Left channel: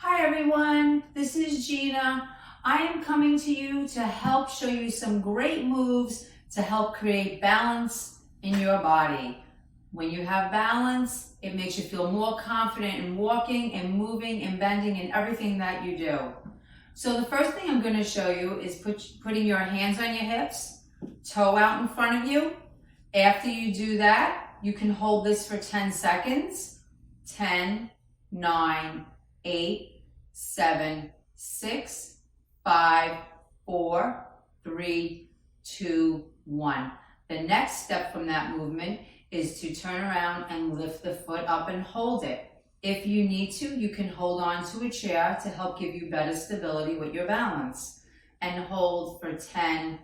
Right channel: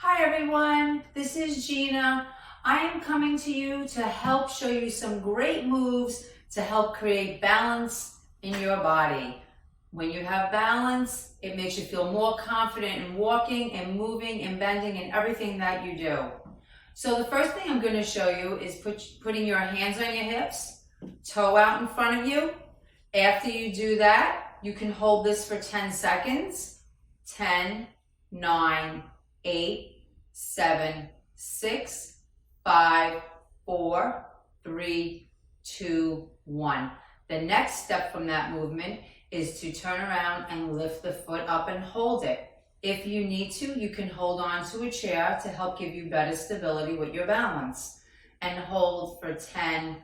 Hi everyone, this is Gina. I am coming to you to help show you some great moves to help create balance in your body. When you have balance, it makes you feel more confident in walking and moving and bending and everything that you do. So the first thing I'm going to show you is putting your hands on your hips, toe out in front of you. After you do that, you can hold this for 10 seconds. 10, 9, 8, 7, 6, 5, 4, 3, 2, 1. The next step from that movement is to turn around and lift the foot up and hold it. If you need to, you can hold on to a chair to help give you better stability with your balance. And hold for 10,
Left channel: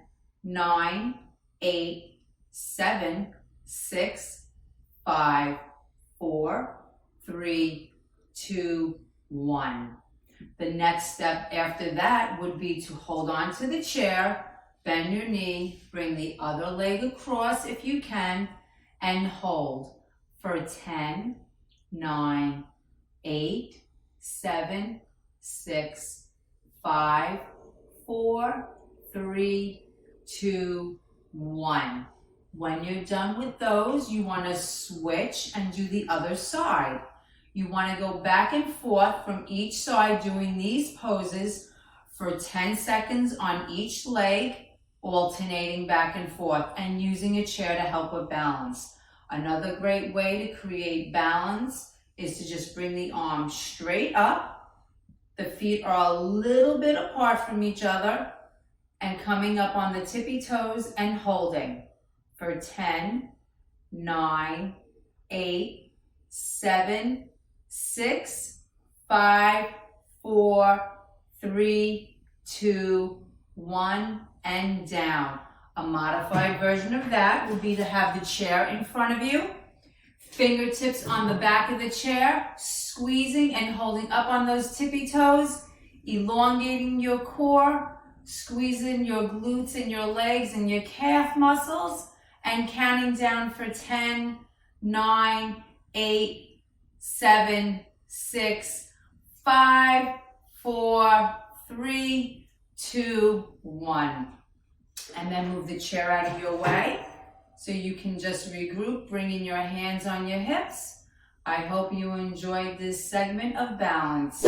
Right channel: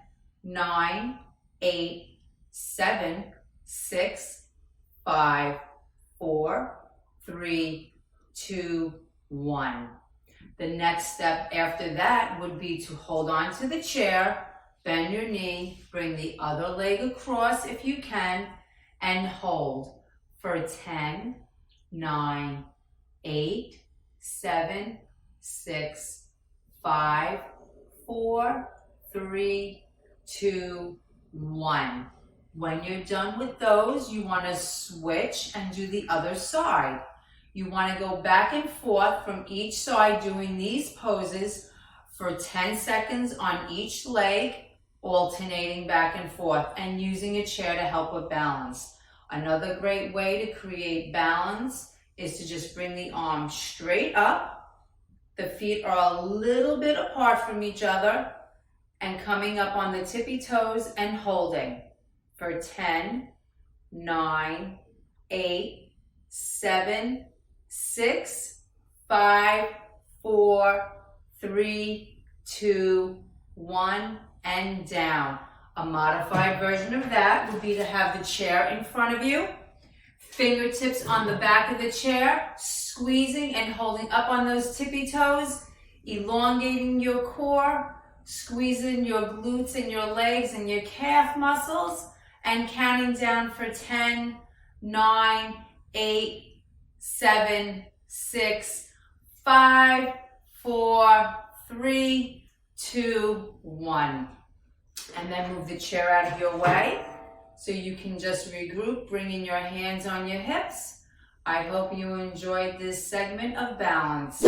9, 8, 7, 6, 5, 4, 3, 2, 1. The next step after that would be to hold on to the chair, bend your knee, bring the other leg across if you can, and hold for 10, 9, 8, 7, 6, 5, 4, 3, 2, 1. When you're done with those, you want to switch and do the other side. You want to go back and forth from each side doing these poses for 10 seconds on each leg, alternating back and forth and using a chair to help with balance. Another great way to create balance is to just bring the arms straight up. The feet are a little bit apart from each other and coming up on the tippy toes and holding for 10, 9, 8, 7, 6, 5, 4, 3, 2, 1, and down. A modified version of that would be to have the chair in front of you, fingertips on the back of the chair, squeezing and holding up on those tippy toes, elongating your core, squeezing your glutes and your legs and your calf muscles, and counting down for 10, 9, 8, 7, 6, 5, 4, 3, 2, 1. And then move the chair out of your way so you can just regroup, bringing your hands on your hips. I hope you enjoyed this segment of balance.